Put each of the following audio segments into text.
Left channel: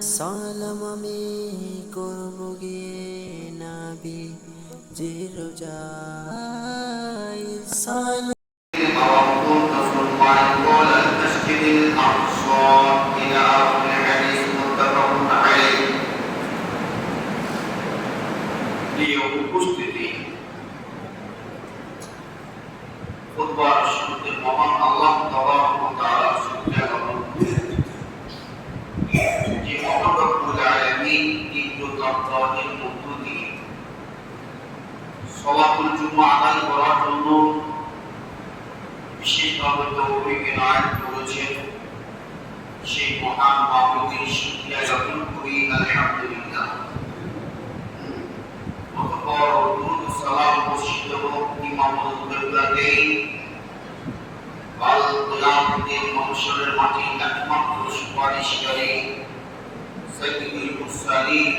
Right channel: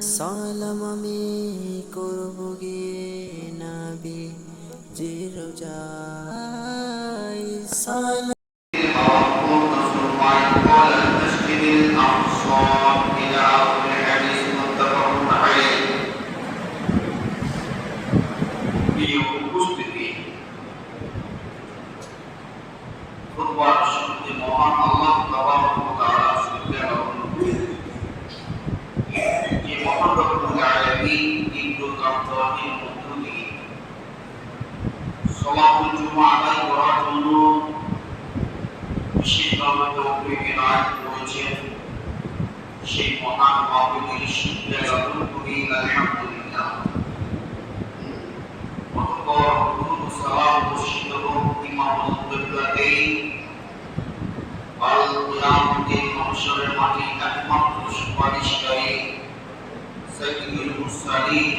সালাম আমি করব গিয়ে নবী জির রোজায় সালাম উপস্থিতি খুতবার শুনতে মহান আল্লাহ তাবারক ওয়া তাআলা সুবহানাহু যে মহান রব্বুল আলামিন তীব্র তাকওয়ার মধ্য দিয়ে সালাতুল জুমআ আদায় করার জন্য বিশেষভাবে তৌফিক এনায়েত করেছেন সেই মহান মাবুদের শুকরিয়া জ্ঞাপন করি আলহামদুলিল্লাহ। অতঃপর দুরূদ ও সালাম বর্ষিত হোক ইমামুল কিবলাতাইন আল কিয়ামতের মানুষের মাটি একমাত্র সুপারিশকারী সাইয়্যিদুল মুরসালিন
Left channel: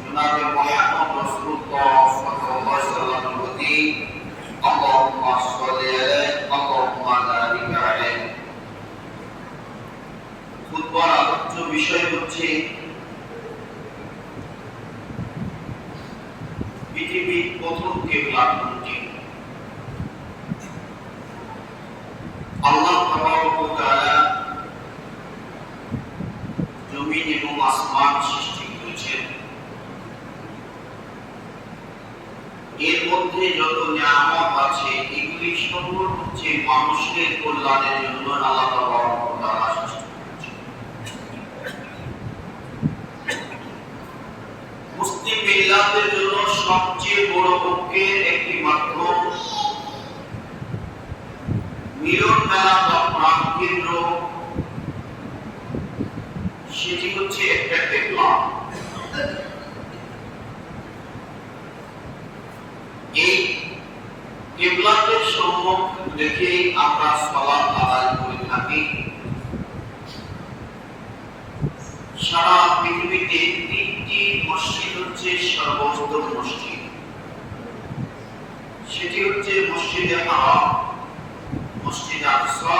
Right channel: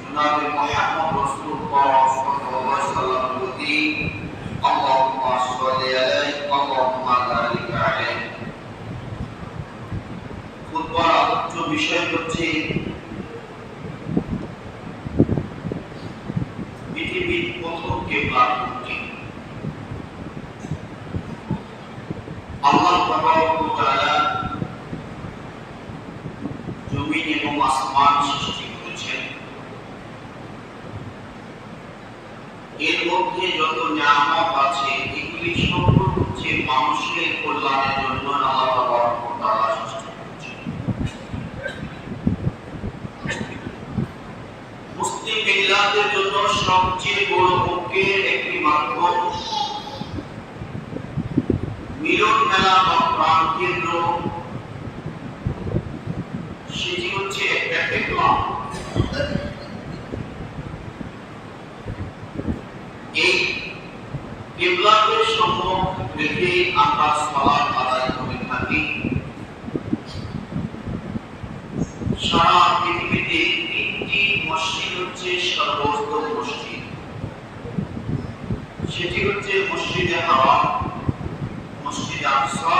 জনাবে মুহাম্মদ রাসূলুল্লাহ সাল্লাল্লাহু আলাইহি ওয়াসাল্লামের প্রতি আল্লাহুম্মা সাল্লি আলাইহি আল্লাহুম্মা বারিক আলাইহি। খুতবার আলোচ্য বিষয় হচ্ছে পৃথিবীর প্রথম কিবলা কোনটি? আল্লাহ তাবারক ওয়া তাআলা জমিন এবং আসমান সৃষ্টি করেছেন। এর মধ্যে যত নিয়ামত আছে এগুলি সব হচ্ছে মানুষের কল্যাণের জন্য আল্লাহ তাবারক ওয়া তাআলা সৃষ্টি করেছেন। মুসলিম মিল্লাতের জন্য সবচেয়ে বড় পক্ষের একটি মাধ্যম মিলন মেলা বা প্রাণ কেন্দ্র, সেটি হচ্ছে একটা কিবলা। এই কিবলাকে সম্মুখ রেখে আমরা সালাত আদায় করে থাকি। সারা পৃথিবীতে তিনটি মসজিদ হচ্ছে সর্বোত্তম মসজিদ, সেটি হচ্ছে মসজিদে হারাম, মসজিদে আকসা,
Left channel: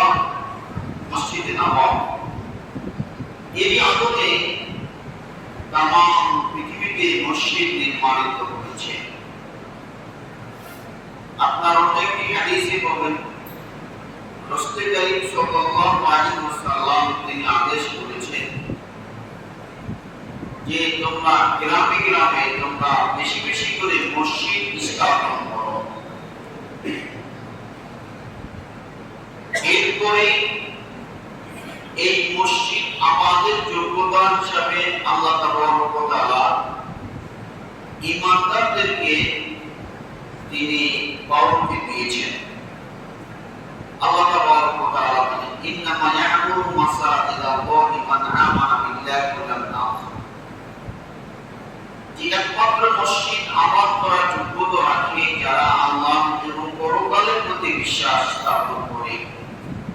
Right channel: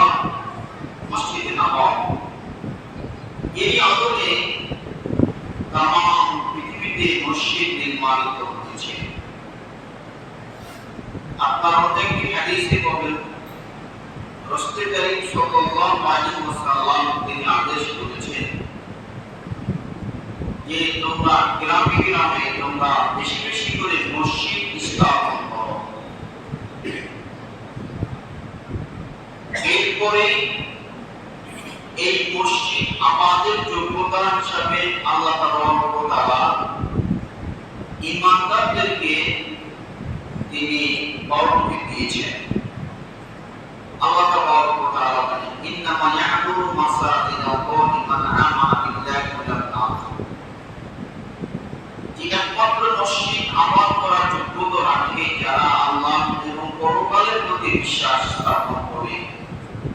মসজিদে নববী। এরই আদলে তামাম পৃথিবীতে মসজিদ নির্মাণিত হয়েছে। আপনার অনেকটি হাদিসে পাবেন রাসূল করিম সাল্লাল্লাহু আলাইহি ওয়াসাল্লাম তিনি আদেশ করেছেন যে তোমরা গ্রামে গ্রামে তোমরা বেশি বেশি করে মসজিদ স্থাপন করো। এরপরে এই মসজিদ আমাদের যোগ্যতা হিসাবে আল্লাহ তাবারক ওয়া তাআলা ঈমানদারদেরকে তিনি বাউন্ডারি দিয়েছেন। আল্লাহ তাবারক ওয়া তাআলা বলেন ইন্নামা ইয়া'মুরু মাসাজিদাল্লাহি মান আমানা বিল্লাহি ওয়াল আখির। যে একমাত্র মসজিদ আবাদ করার যোগ্যতা রাখে যারা আল্লাহ এবং পরকালের প্রতি বিশ্বাস স্থাপন করে,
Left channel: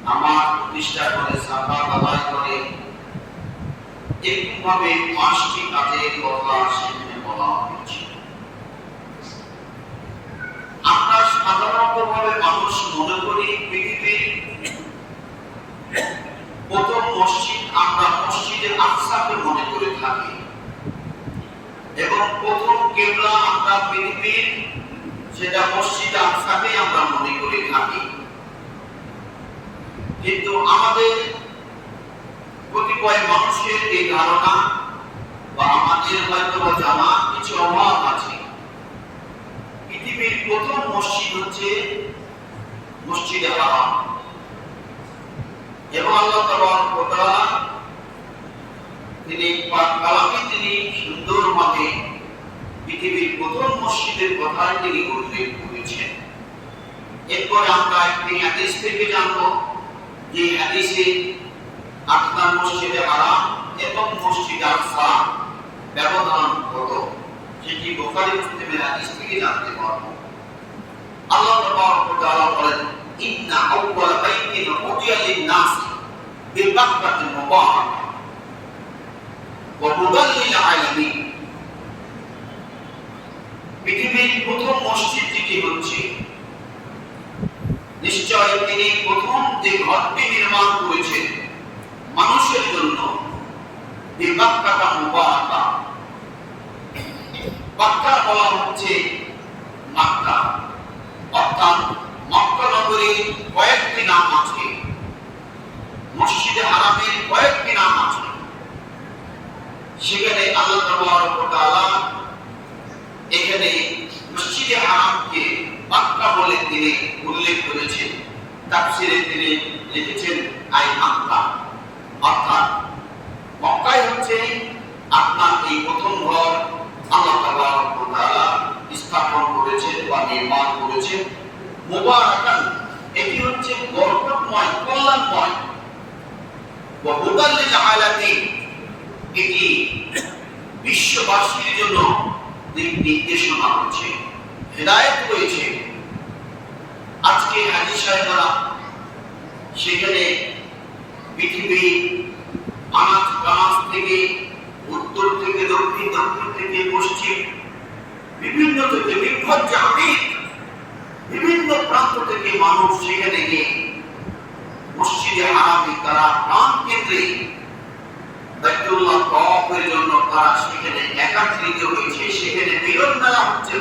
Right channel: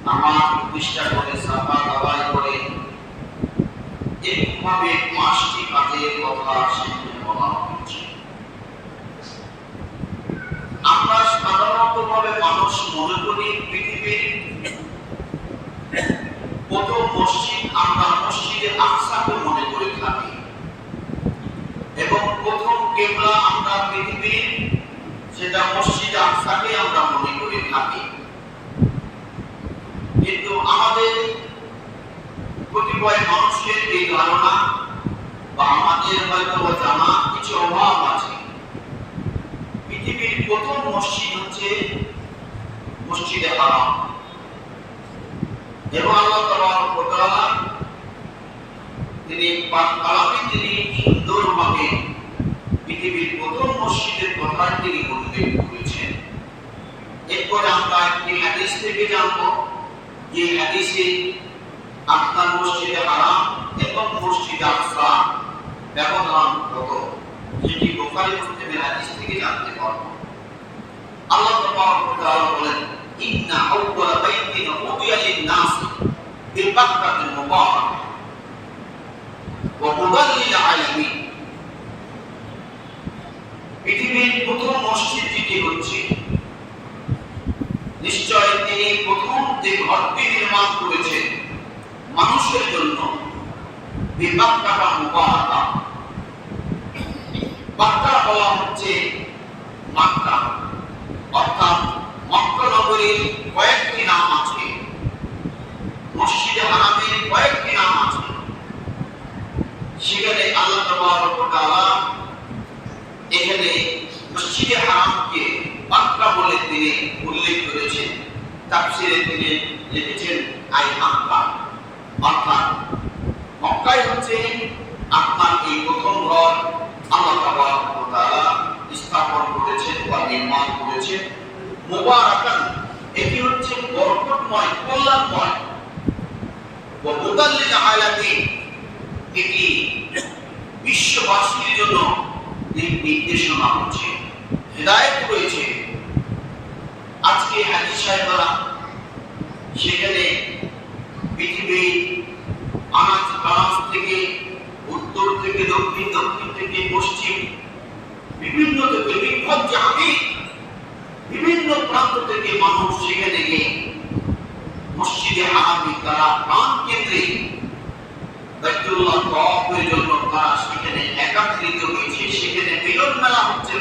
নামাজ প্রতিষ্ঠা করে, যাকাত আদায় করে, এরকমভাবে পাঁচটি কাজের কথা সেখানে বলা হয়েছে। আমরা সাধারণতভাবে মানুষ মনে করি পৃথিবীর প্রথম মসজিদ আমরা মসজিদে আকসাকে মনে করে থাকি এবং প্রথম কিবলা আমরা পৃথিবীর সেটা মসজিদে আকসাকে আমরা মনে করে থাকি। কিন্তু আমাদের কতিপয় মানুষের এই ধারণা বা আমাদের হয়তো জানা কিছু অভাব আছে। পৃথিবীর প্রথম মসজিদ হচ্ছে মসজিদে হারাম এবং আল্লাহ তাবারক ওয়া তাআলা তিনি পাক কালামে তিনি সুন্দরভাবে পৃথিবীর প্রথম মসজিদের কথা তিনি উল্লেখ করেছেন। এরপরে আমরা একটি হাদিস থেকে জানবো যে হাদিসে আপনার মসজিদে হারাম এবং মসজিদে আকসা ব্যবধান কত, সেটি বুখারী মুসলিমের হাদিস থেকে জানতে পারবো। আল্লাহ তাবারক ওয়া তাআলা বলেন ইন্না আউওয়ালা বাইতিন উদিয়া লিন-নাস বিবাক্কাতিল মুবারাক ওয়া হুদাল লিল আলামিন। পৃথিবীর প্রথম মসজিদ যেটি হচ্ছে, নিশ্চয় তিনি প্রথম যে ঘরটি নির্মাণ করেছেন মানুষের জন্য বিবাক্কাতা মুবারাকা। বাক্কা বলা হচ্ছে মক্কা, অর্থাৎ মক্কা নগরীর কয়েকটি নাম আছে, মসজিদে হারামের কয়েকটি নাম আছে। সেখানে আল্লাহ তাবারক ওয়া তাআলা এখানে মসজিদে হারামকে মক্কা বলে তিনি উল্লেখ করেছেন। তাফসীরে তিনি লিখেছেন আই মক্কা, অর্থাৎ মক্কাই হচ্ছে আপনার এই প্রথম ঘর আল্লাহ তাবারক ওয়া তাআলা স্থাপন করেছেন বা নির্মাণ করেছেন। মুবারাকান, এটি হচ্ছে বরকতময়, কল্যাণময়। ওয়া হুদাল লিল আলামিন, এটি বিশ্ববাসীর জন্য দিক নির্দেশনা হচ্ছে, হেদায়েত রয়েছে। আজকে হাজী সাহেবরা সেখানে পৃথিবীর আনাচ কানাচ থেকে, উত্তর থেকে দক্ষিণ, দক্ষিণ থেকে পশ্চিম, বিভিন্ন থেকে বিপদ জাহাবিদ, বিভিন্ন প্রান্ত থেকে মানুষ সেখানে গিয়ে মসজিদে হারামে তারা প্রাণ কেন্দ্রে বাইতুল্লাহ তওয়াফের জন্য তারা সেখানে একত্রিত হয়েছে। সেখানে মিলন মেলা হচ্ছে।